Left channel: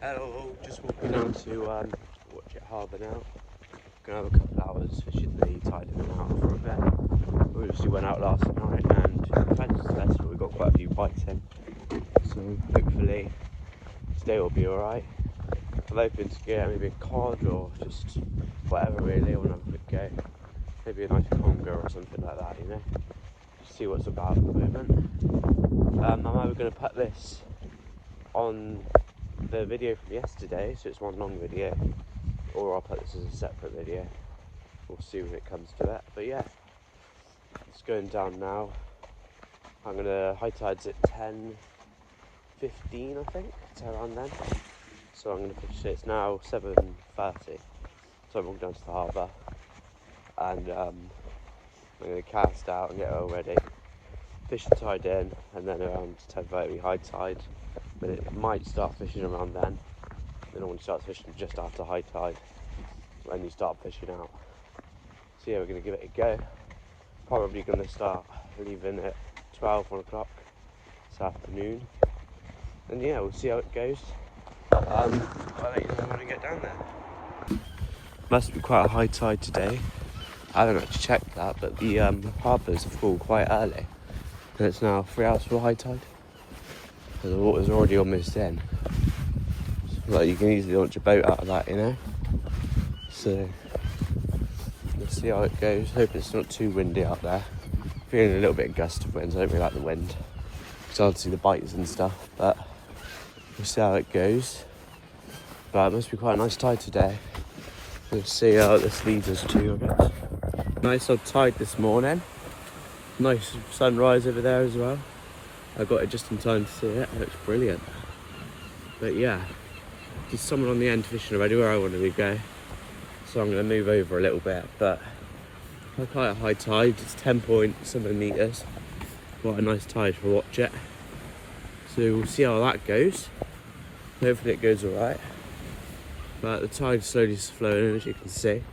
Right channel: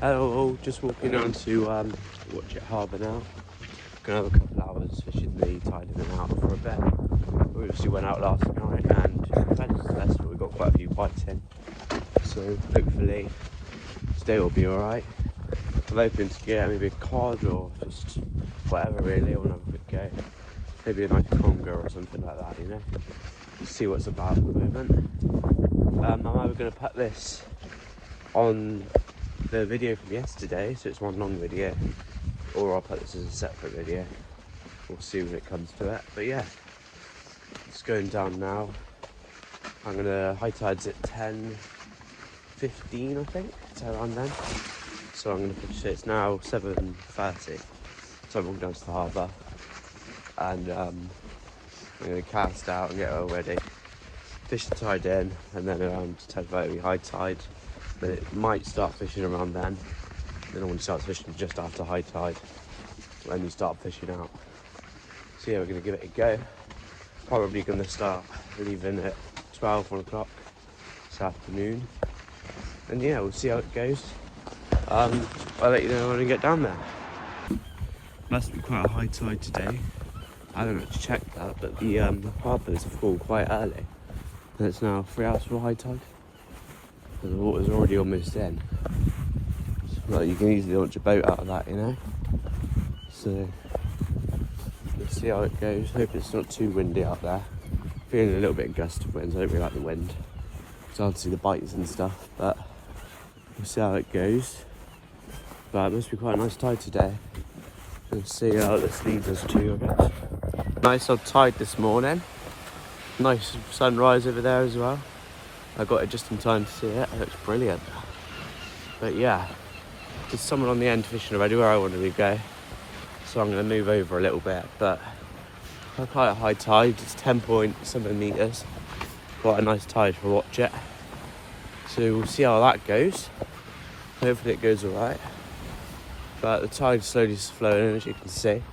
Hello, just walking on to Watchet Harbour now. Gonna have a couple hours fishing the tide in and out for a bit. We obviously went out last night and had a successful. We got quite a few bites in, so hopefully today will be alright. I'm hoping to get maybe a cod or just whatever really. I want to have a quick go. Maybe a nice conger or something like that, you know. Just see what's about at the moment. I'm either going to put this on the video from yesterday, so it's one long video, or I'll put this as a separate video. We'll see when it comes to it. But yeah, it's going down now. I'm gonna high tide's at 10:15, I think. It's around then. So I'm gonna fish it. It's now 7:30. So I'm walking down to the harbour, and I'm gonna cast out and get it all ready. Fish the tide in, and then around 10:30 high tide. Then it might start fishing around then. Then I want to start fishing just after high tide, when you start fishing out. So yeah, we're going to give it a go. Probably going to start leaving at 12, 1 o'clock this afternoon. And yeah, we'll see how it goes. I'll let you know when I get down there. Must be quite a high tide today. I don't have to check that, but the harbours are full quite early. And it's now 3 hours for high tide. So the water's already almost in. Like you can easily launch a boat out of that, you know. So we'll see how it goes. Hope it's not too windy out there. Feeling a little bit gust of winds. I don't really like the wind. It's hard to see the bites and stuff, but we'll see how it goes. But it must be quite a nice tide today. We'll see how this leaves us too, I guess. Nice old tide this morning. Nice sunrise over there as well. I got it just in time to see it. It looks brilliant. But yeah, there's someone on the end fishing already where I wanted to go. So I'm going to move over a little bit. But quite a high tide. It's 10 point something meters. Quite a nice tide for Watchet. So we'll see how that goes. Hopefully it goes alright. But the tide's slowly flowing, as you can see.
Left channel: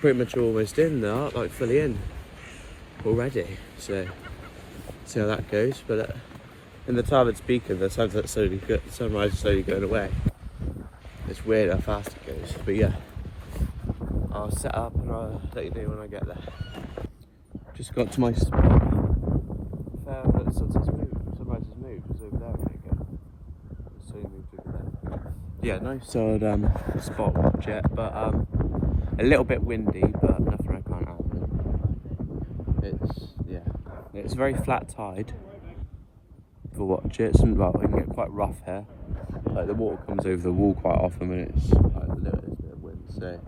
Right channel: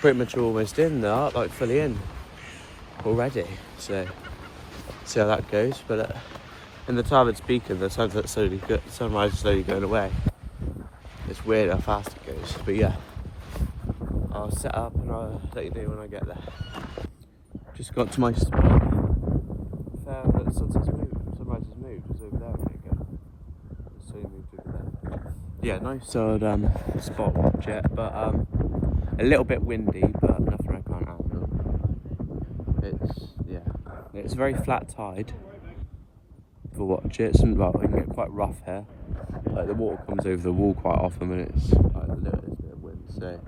Pretty much almost in there, like fully in already. So see how that goes. But in the time it's peaking, the sunrise is slowly going away. It's weird how fast it goes. But yeah, I'll set up and I'll let you know when I get there. Just got to my spot. Found that the sunrise has moved. It's over there a minute ago. So it moved over there. Yeah, nice old spot Watchet, but a little bit windy, but nothing I can't handle. It's a very flat tide for Watchet. Well, it can get quite rough here. Like the water comes over the wall quite often when it's like a little bit of wind, so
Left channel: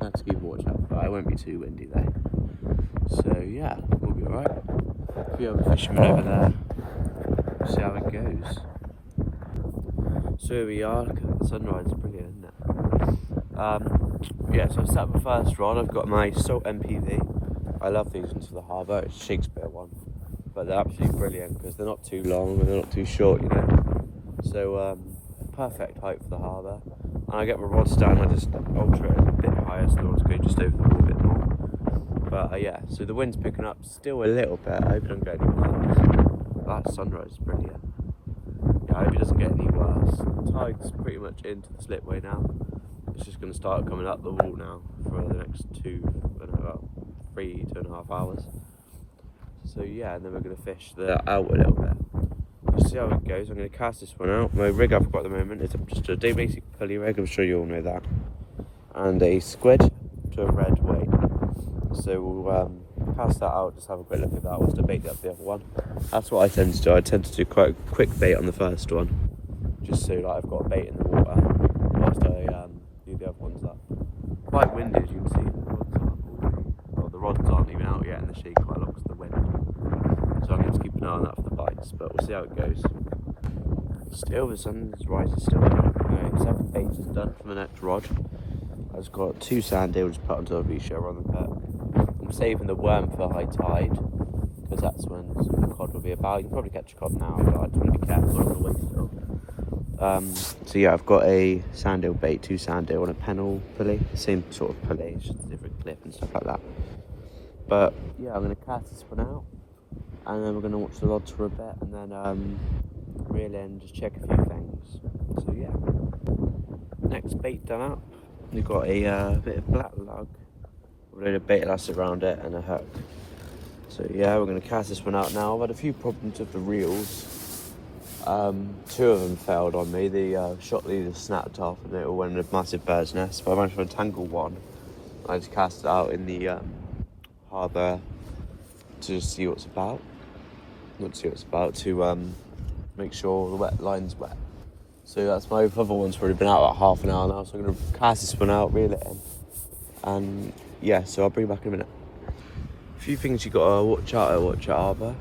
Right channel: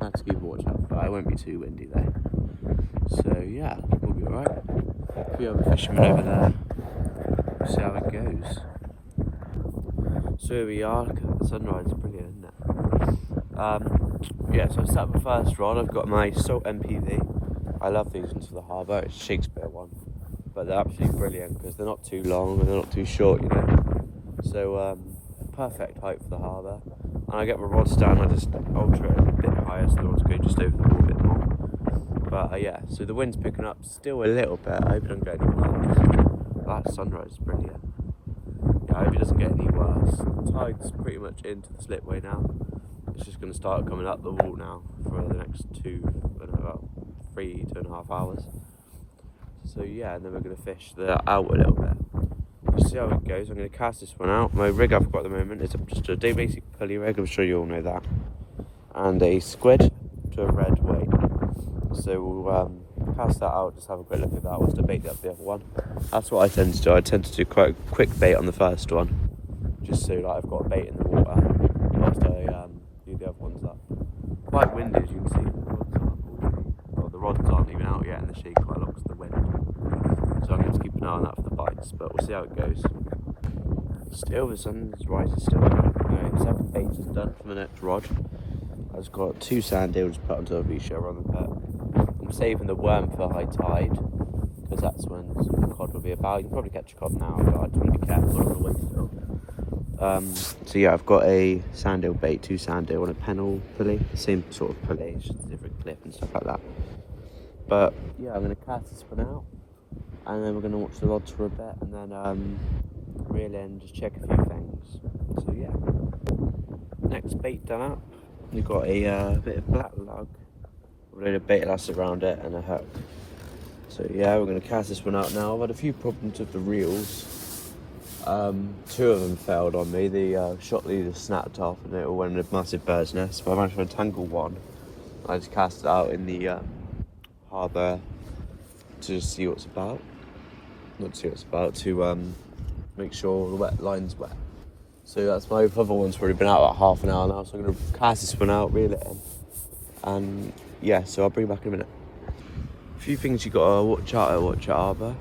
I have to keep watch out. But it won't be too windy though. So yeah, we'll be alright. A few other fishermen over there. We'll see how it goes. So here we are. Look at the sunrise, it's brilliant, isn't it? Yeah, so I set up the first rod. I've got my Salt MPV. I love these ones for the harbour. It's a Shakespeare one, but they're absolutely brilliant because they're not too long and they're not too short, you know. So perfect height for the harbour. And I get my rods down. I just alter it a bit higher so the rods go just over the wall a bit more. But yeah, so the wind's picking up still a little bit. I hope it don't get any worse. That sunrise is brilliant. Yeah, I hope it doesn't get any worse. The tide's pretty much into the slipway now. It's just going to start coming up the wall now for the next 3.5 hours. So yeah, and then we're going to fish out a little bit. We'll see how it goes. I'm going to cast this one out. My rig I've got at the moment is just a basic pulley rig. I'm sure you all know that. And a squid to a red weight. So we'll cast that out, just have a quick look at that whilst I bait up the other one. That's what I tend to do. I tend to do quite a quick bait on the first one, just so like I've got a bait in the water whilst I do the other ones up. Quite windy, as you can see. The rods aren't even out yet and the shade quite a lot because of the wind. So I'm going to keep an eye on that for the bites, but we'll see how it goes. Still, the sun's rising still. Right, 7 baits is done for the next rod. I've just got 2 sand eels put onto a beach show on the pet. I'm saving the worm for high tide, because that's when the cod will be about. You can probably catch a cod now, but I just want to be careful, I don't want to waste it all. So yeah, I've got a sand eel bait, 2 sand eel and a pennel pulley. Same sort of pulley, just a different clip and stuff like that. But yeah, I'm going to cast this one out, and then we're going to watch the rods for a bit, and then reel in, just check a few things. So yeah, next bait done up. We've got a bit of black lug, a load of bait elastic around it, and a hook. So yeah, we're going to cast this one out now. I've had a few problems with the reels. 2 of them failed on me. The shot leader snapped off and it all went in a massive bird's nest. But I managed to untangle one. I just cast it out in the harbour to see what's about. Not to see what's about, to make sure the wet line's wet. So that's my other one's probably been out about half an hour now. So I'm going to cast this one out, reel it in. And yeah, so I'll bring you back in a minute. A few things you got to watch out at Watchet Harbour.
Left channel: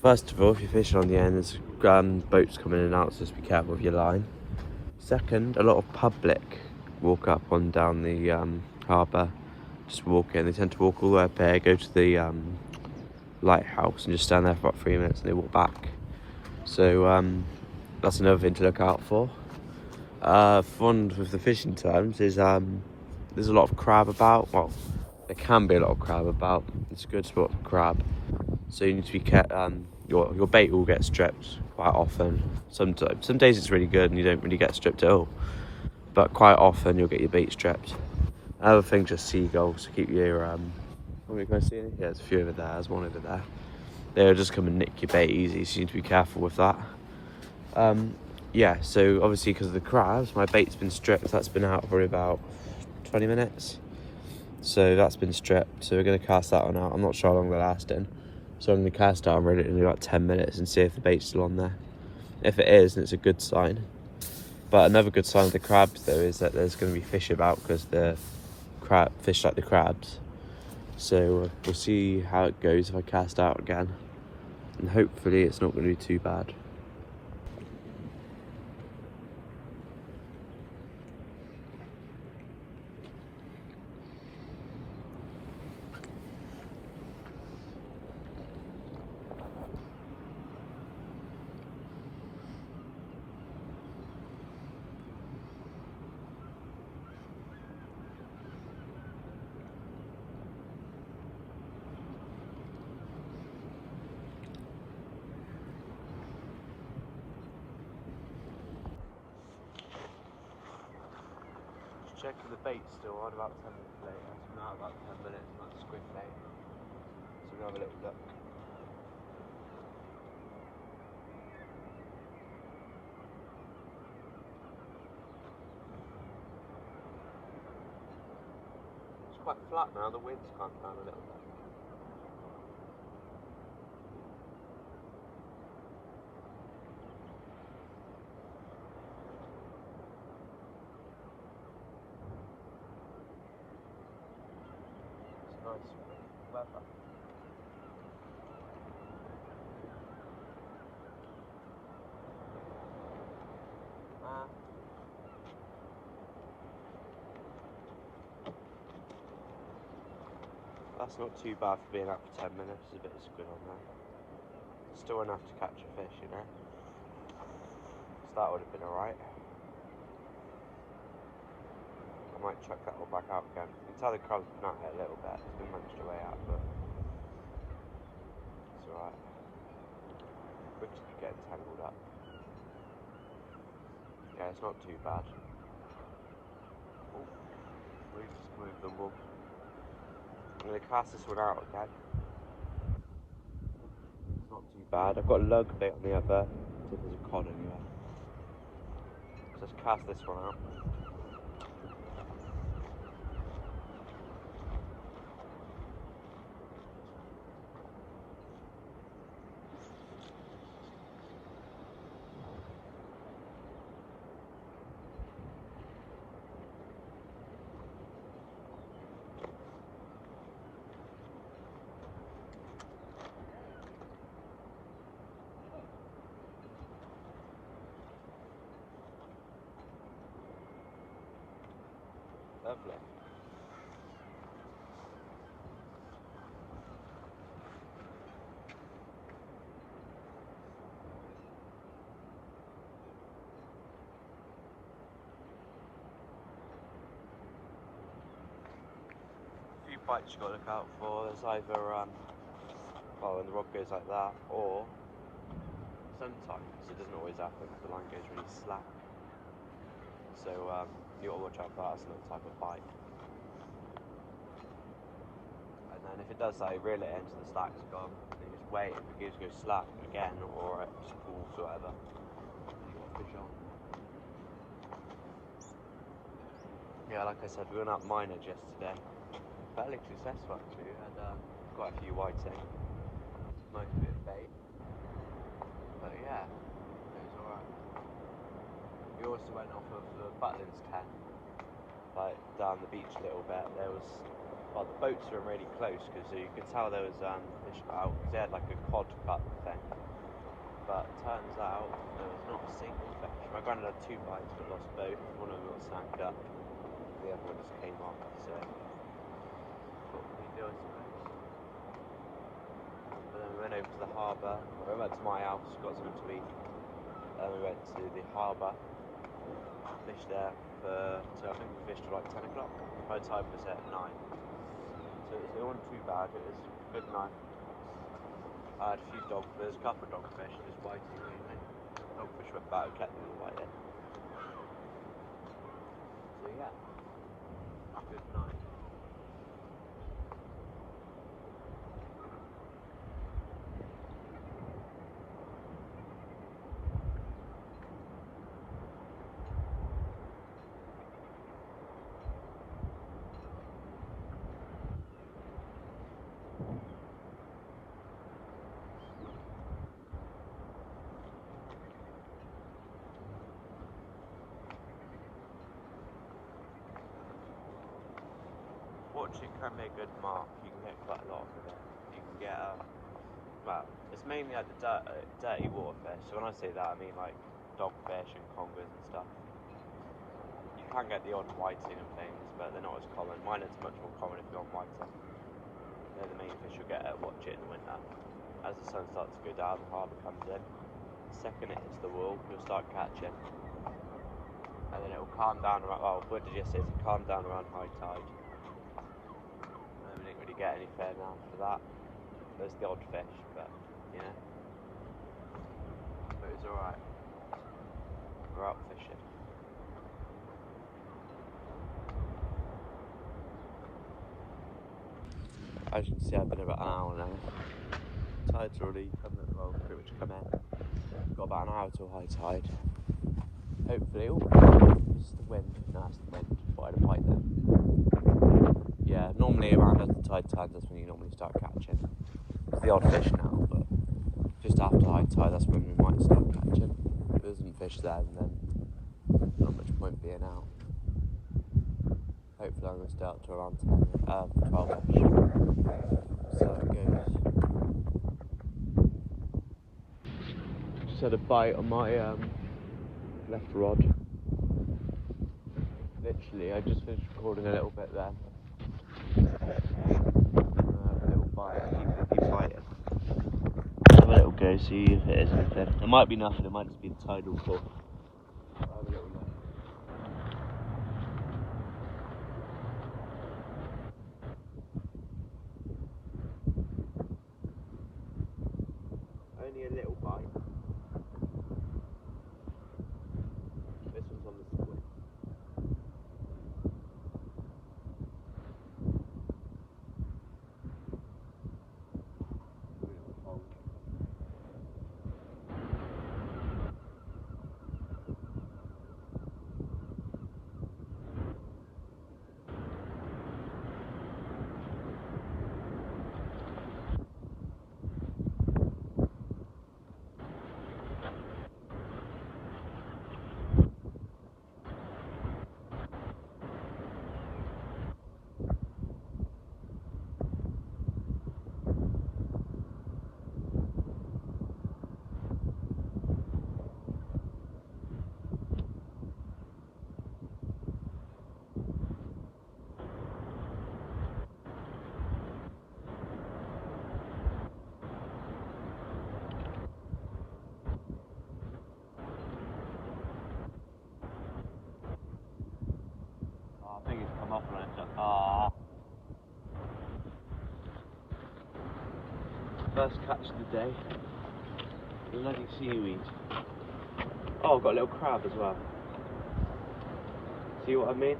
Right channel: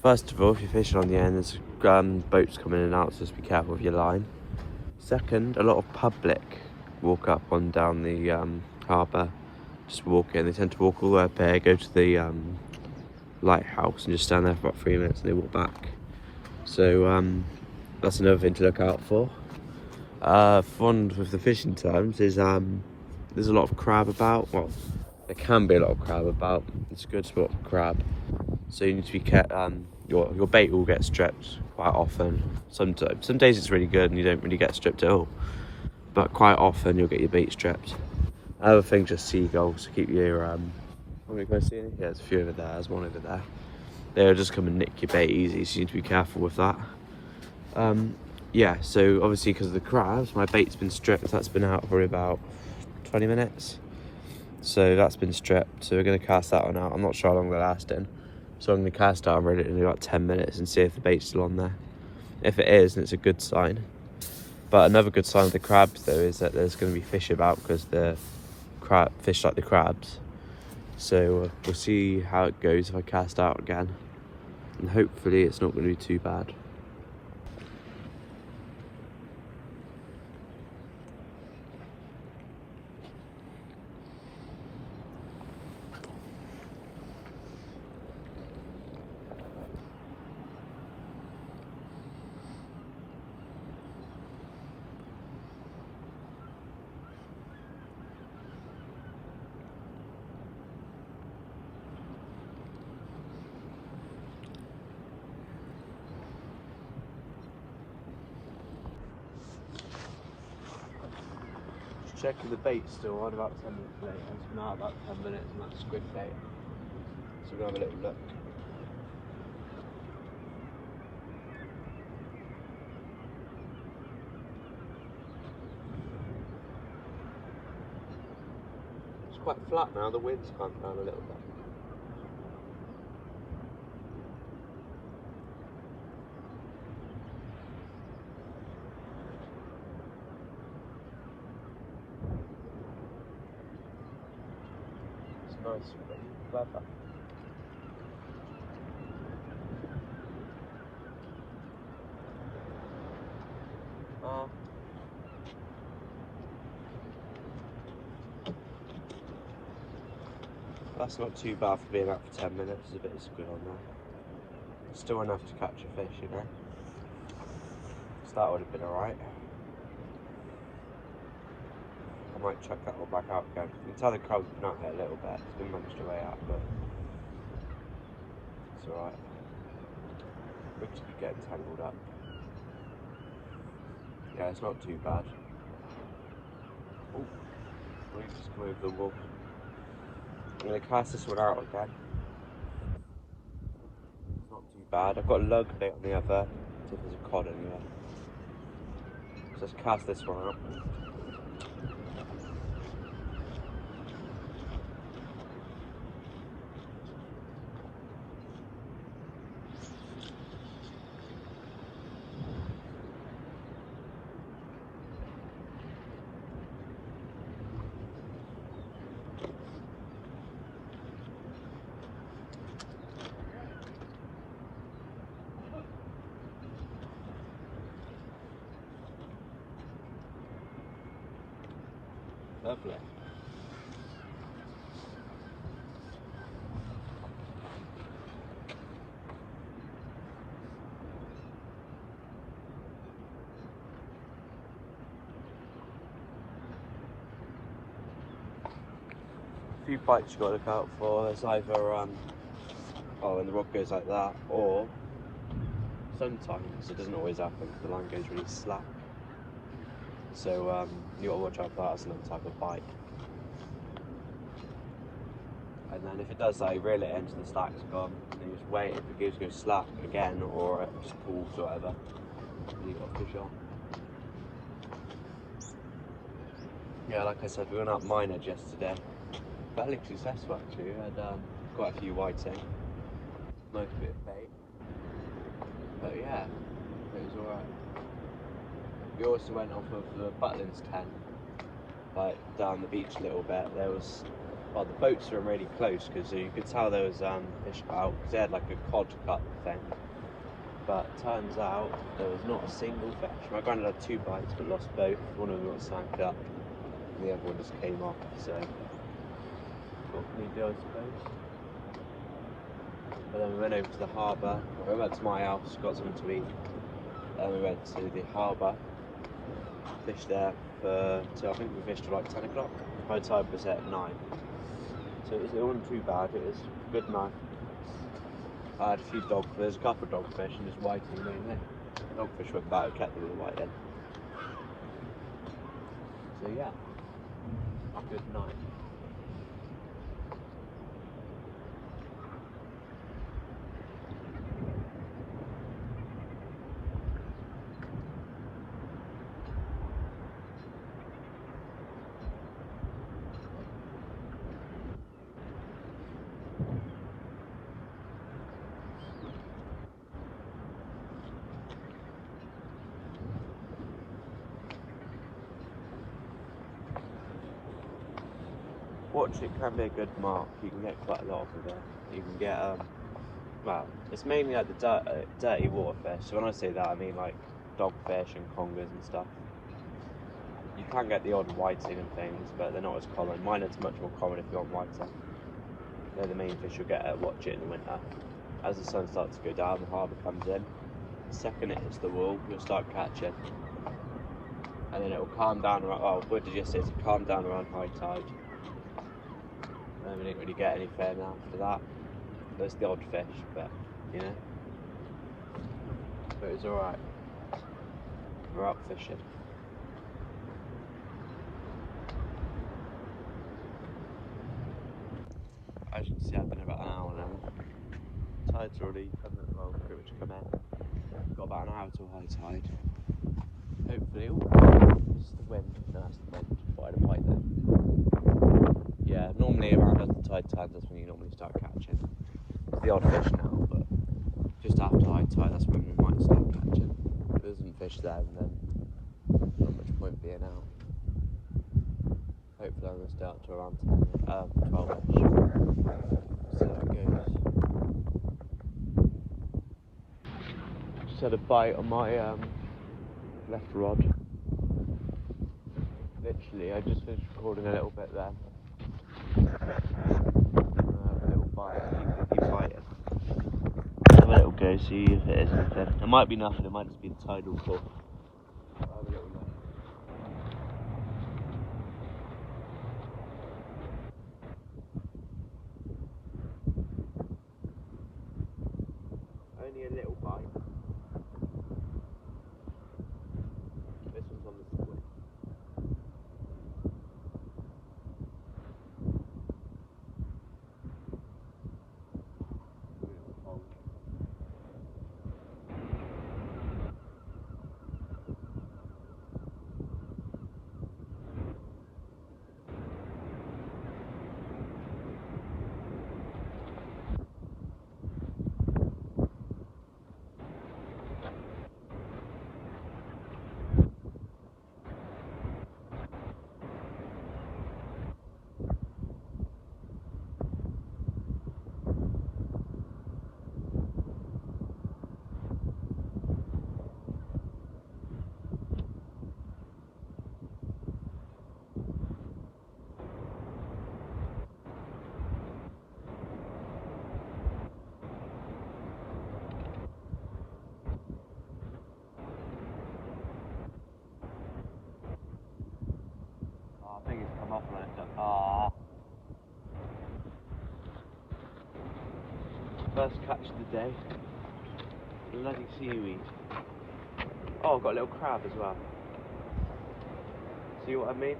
First of all, if you're fishing on the end, there's boats coming in and out, so just be careful with your line. Second, a lot of public walk up on down the harbour, just walk in. They tend to walk all the way up there, go to the lighthouse and just stand there for about 3 minutes and they walk back. So that's another thing to look out for. Fun with the fishing terms is there's a lot of crab about. Well, there can be a lot of crab about. It's a good spot for crab. So you need to be careful. Your bait will get stripped quite often. Sometimes, some days it's really good and you don't really get stripped at all. But quite often you'll get your bait stripped. Other thing, just seagulls. Keep your what are you guys seeing? Yeah, there's a few over there. There's one over there. They'll just come and nick your bait easy, so you need to be careful with that. Yeah, so obviously because of the crabs, my bait's been stripped. That's been out for about 20 minutes. So that's been stripped. So we're going to cast that one out. I'm not sure how long they're lasting. So I'm going to cast out and reel it in about 10 minutes and see if the bait's still on there. If it is, then it's a good sign. But another good sign of the crabs though is that there's going to be fish about because the fish like the crabs. So we'll see how it goes if I cast out again. And hopefully it's not going to be too bad. Checking the bait still on about 10 minutes later. It's been out about 10 minutes and that's squid bait. So we're going to have a little look. It's quite flat now, the wind's calmed down a little bit. Nice weather. That's not too bad for being out for 10 minutes. There's a bit of squid on there. Still enough to catch a fish, you know. So that would have been alright. I might chuck that one back out again. You can tell the crab's been out here a little bit. It's been munched away at, but it's alright. We'll just keep getting tangled up. Yeah, it's not too bad. Oh, let me just come over the wall. I'm going to cast this one out again. It's not too bad. I've got a lug bait on the other. See if there's a cod anywhere. So let's cast this one out. Lovely. A few bites you've got to look out for. There's either, when the rod goes like that, or sometimes it doesn't always happen. The line goes really slack. So you got to watch out for that as another type of bite. And then if it does that, you reel it into the slack's gone, and then you just wait. If it goes slack again, or it just pulls or whatever, then you got fish on. Yeah, like I said, we went up mine edge yesterday. Fairly successful actually. We had quite a few whiting, most bit of bait. But yeah, it was alright. We also went off of the Butlins tent, like down the beach a little bit. There was, well, the boats were really close because you could tell there was fish about, because they had like a cod cut thing. But turns out there was not a single fish. My granddad had 2 bites but lost both. One of them got sank up, and the other one just came off. So what can you do, I suppose? But then we went over to the harbour. We went to my house, got something to eat. Then we went to the harbour, fished there till I think we fished till like 10 o'clock. My time was at 9. So it wasn't too bad, it was a good night. I had a few there's a couple of dogfish and just whiting mainly. Dogfish went back, kept them all whiting. So yeah, a good night. Watchet can be a good mark. You can get quite a lot of it. You can get well, it's mainly like the dirty water fish. So when I say that, I mean like dogfish and congers and stuff. You can get the odd whiting and things, but they're not as common. Mine is much more common if you want whiting. They're the main fish you'll get at Watchet in the winter. As the sun starts to go down, the harbour comes in. The second it hits the wall, you'll start catching. And then it'll calm down around, oh, what did you say? It'll calm down around high tide. And we didn't really get anything after that. There's the odd fish, but you know. But it was alright. We're out fishing. As you can see, I've been about an hour now. Tide's already pretty much come in. Got about an hour till high tide. Hopefully, it's the wind. No, it's the wind. Thought I had a bite then. Yeah, normally around as the tide turns, that's when you normally start catching. It's the odd fish now, but just after high tide, that's when we might start catching. If there isn't fish there, then not much point being out. Hopefully I'm going to stay out to around 12ish. So it goes. Just had a bite on my left rod. Literally, I just finished recording a little bit there. A little bite, keep biting. Have a little go, see if it is anything. It might be nothing, it might just be the tidal pull. Have a little look. Only a little bite. This one's on the squid. I think it's come off and it's like, ah. First catch of the day. Bloody seaweed. Oh, I've got a little crab as well. See what I mean?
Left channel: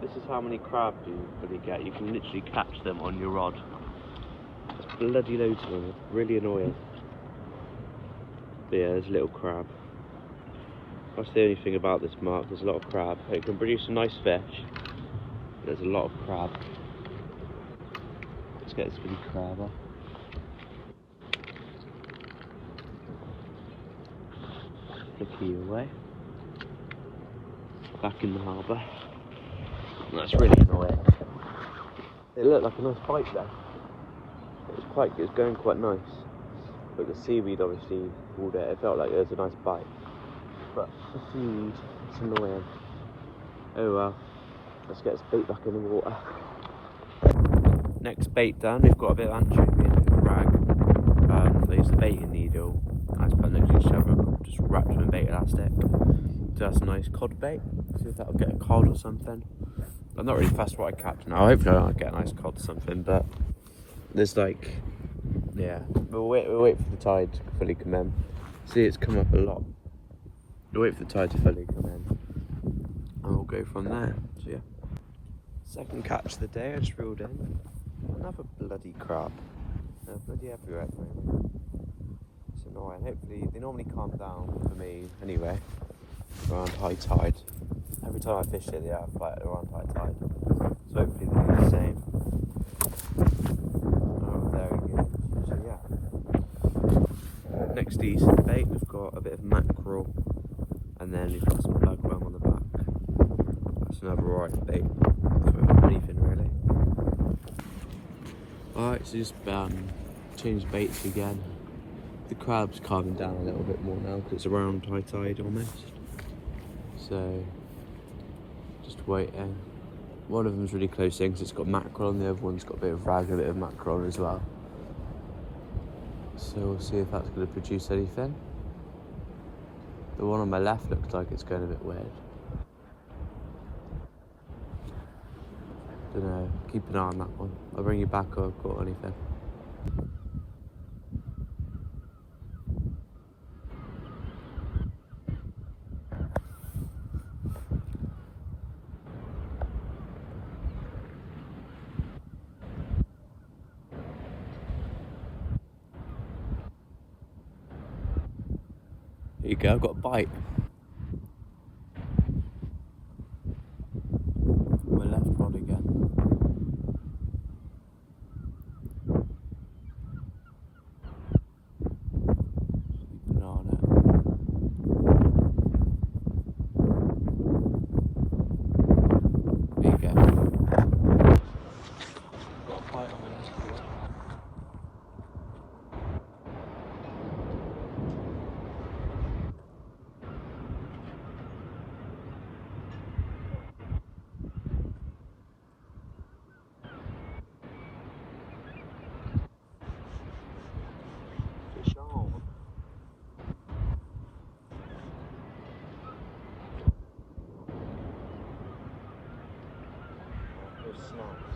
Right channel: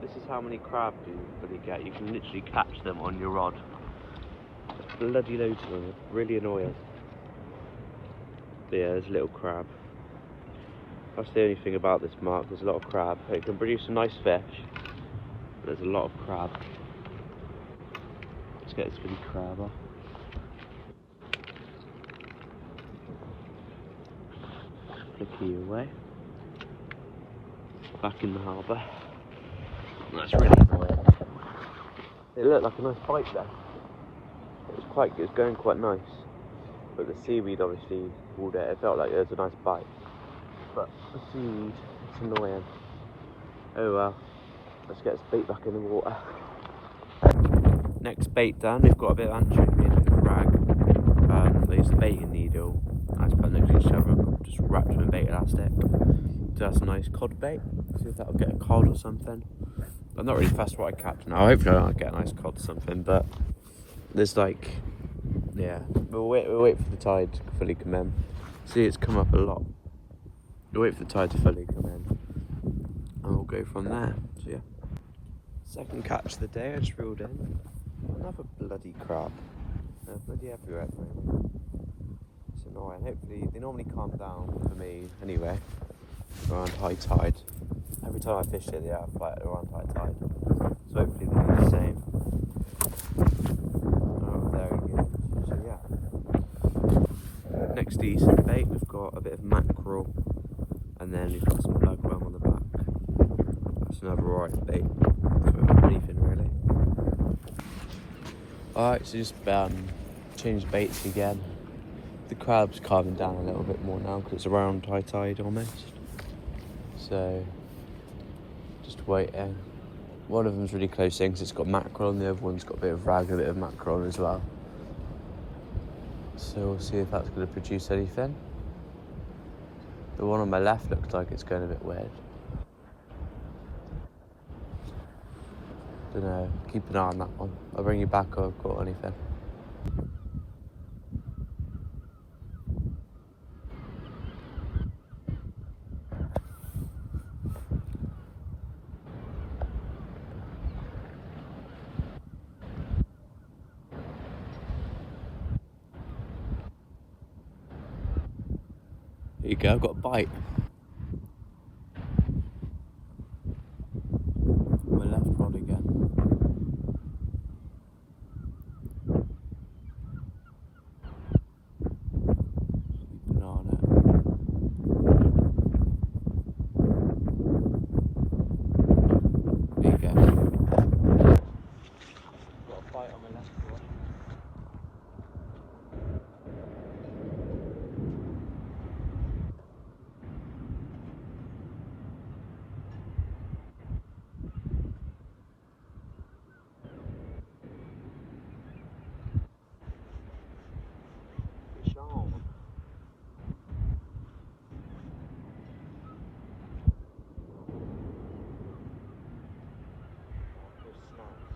This is how many crabs you really get. You can literally catch them on your rod. There's bloody loads of them. It's really annoying. But yeah, there's a little crab. That's the only thing about this mark. There's a lot of crab. It can produce a nice fish. There's a lot of crab. Let's get this really crab off. Look you away. Back in the harbour. That's really annoying. It looked like a nice bite there. It was going quite nice. But the seaweed obviously pulled it. It felt like there was a nice bite. But the seaweed, it's annoying. Oh well. Let's get this bait back in the water. Next bait done, we've got a bit of anchovy and a bit of rag. I used a baiting needle. I just put next to each other, just wrapped with a bait elastic. So that's a nice cod bait. See if that'll get a cod or something. I'm not really fussed what I catch now. Hopefully I'll get a nice cod or something, but there's like, yeah, we'll wait for the tide to fully come in. See, it's come up a lot. We'll wait for the tide to fully come in, and we'll go from there. So yeah, second catch of the day. I just reeled in another bloody crab. They're bloody everywhere at the moment. It's annoying. Hopefully they normally calm down for me anyway around high tide. Every time I fish it, yeah, I fight around high tide. So hopefully they do the same. So yeah. Next decent bait, we've got a bit of mackerel, and then we've got some lugworm on the back. That's another alright bait for anything really. Alright, so just change baits again. The crab's calming down a little bit more now because it's around high tide almost. So just waiting. One of them's really close in because it's got mackerel, and the other one's got a bit of rag and a bit of mackerel as well. So we'll see if that's going to produce anything. The one on my left looks like it's going a bit weird. Don't know, keep an eye on that one. I'll bring you back if I've got anything. There you go, I've got a bite. My left rod again. Keep an eye on it. There you go. Got a bite on the left rod. Fish on. There's snipes.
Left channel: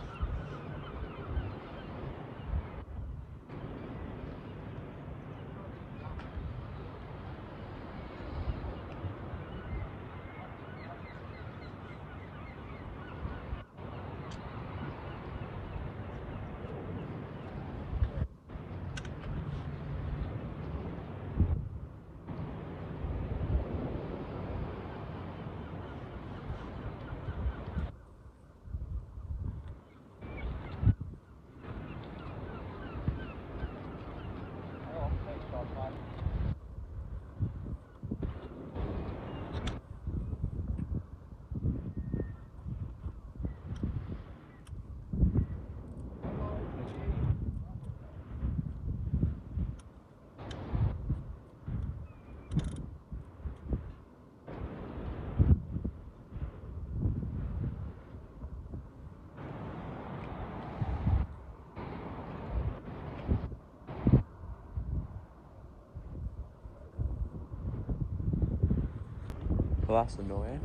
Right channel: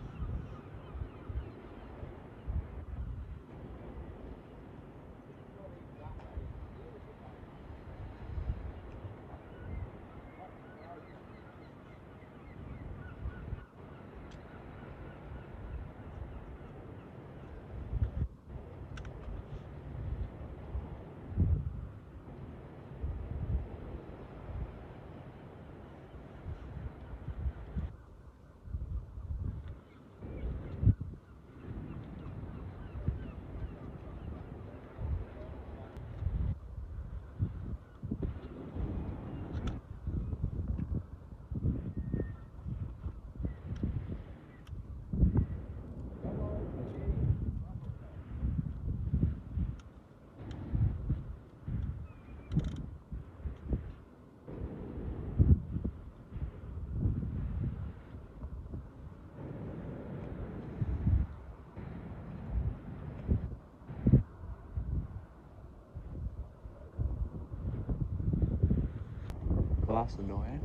Well, that's annoying.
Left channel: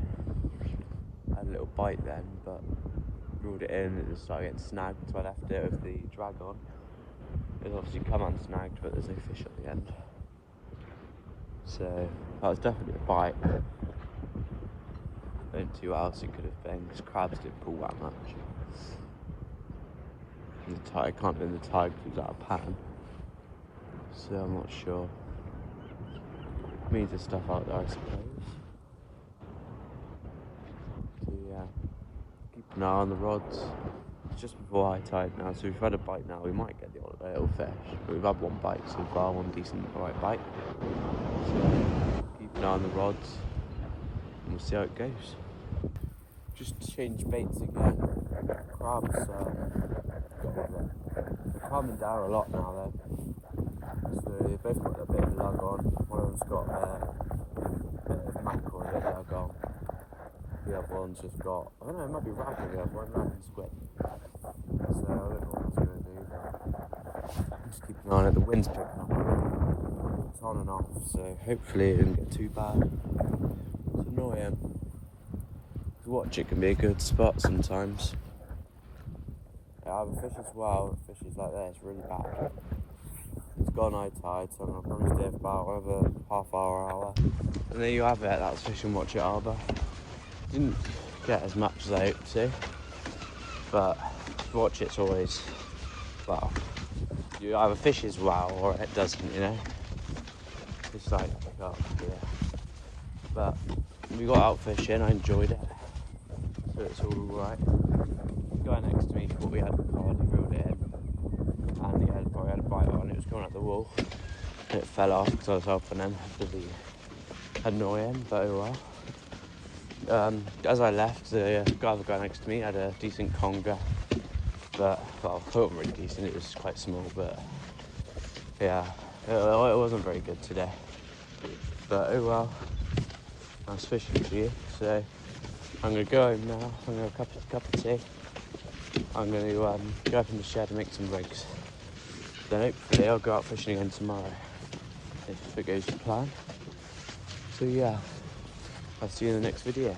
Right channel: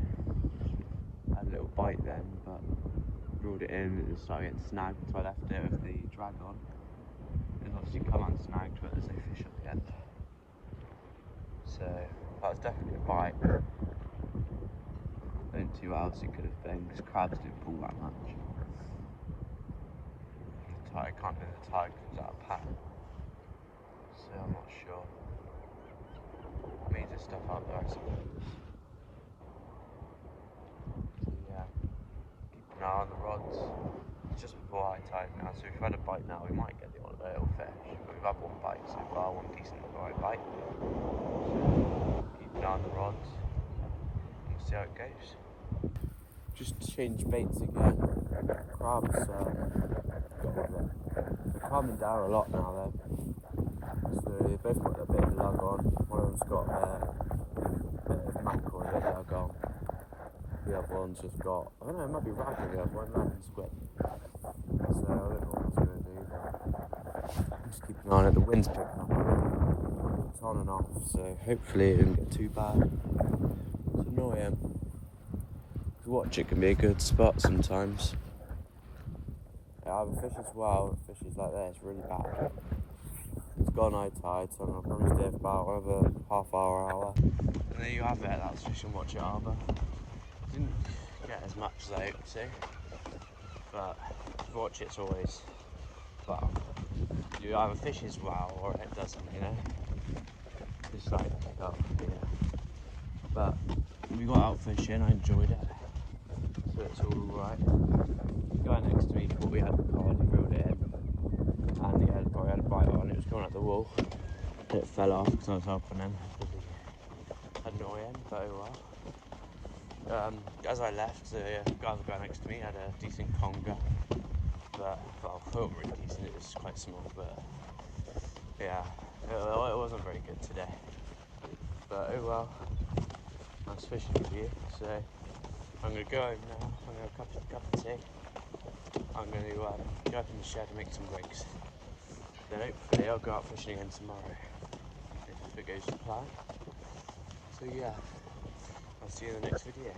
I had a little bite then, but ruled it in and it started getting snagged, so I left it with the drag on. It's obviously come unsnagged, but there's no fish at the end. So that was definitely a bite. I don't see what else it could have been, because crabs didn't pull that much. And the tide, I can't blame the tide because it was out of pattern. So I'm not sure. Means there's stuff out there, I suppose. So yeah, keep an eye on the rods. It's just before high tide now, so if we've had a bite now, we might get the odd little fish. But we've had one bite so far, one decent alright bite. So keep an eye on the rods, and we'll see how it goes. Just change baits again. Crabs calming down a lot now though. So they've both got a bit of lug on. One of them's got a bit of mackerel and a lug on. The other one's just got, I don't know, it might be ragged, the other one, rag and squid. So I don't know what that's going to do, but I'm just keeping an eye on it. The wind's picking up. It's on and off, so hopefully it didn't get too bad. It's annoying. To watch it can be a good spot sometimes. Yeah, I have a fish as well. The fish is like this, really bad. It's gone high tide, so I'm going to probably stay for about another half hour. And there you have it, that was fishing watch at harbour. Didn't get as much as I hoped to, but watch it's always, well, you either fishes well or it doesn't, you know. It's like, oh yeah. But we got out fishing, I enjoyed it, so it's all right. The guy next to me thought we had the rod, he reeled it in, and he probably had a bite on it. Was going up the wall, and it fell off because I was helping him. Really annoying, but oh well. As I left, the other guy next to me had a decent conger, but, well, it wasn't really decent, it was quite small, but yeah, it wasn't very good today. But oh well, nice fishing for you. So I'm going to go home now, I'm going to have a cup of tea. I'm going to go up in the shed and make some rigs. Then hopefully I'll go out fishing again tomorrow, if it goes to plan. So yeah, I'll see you in the next video.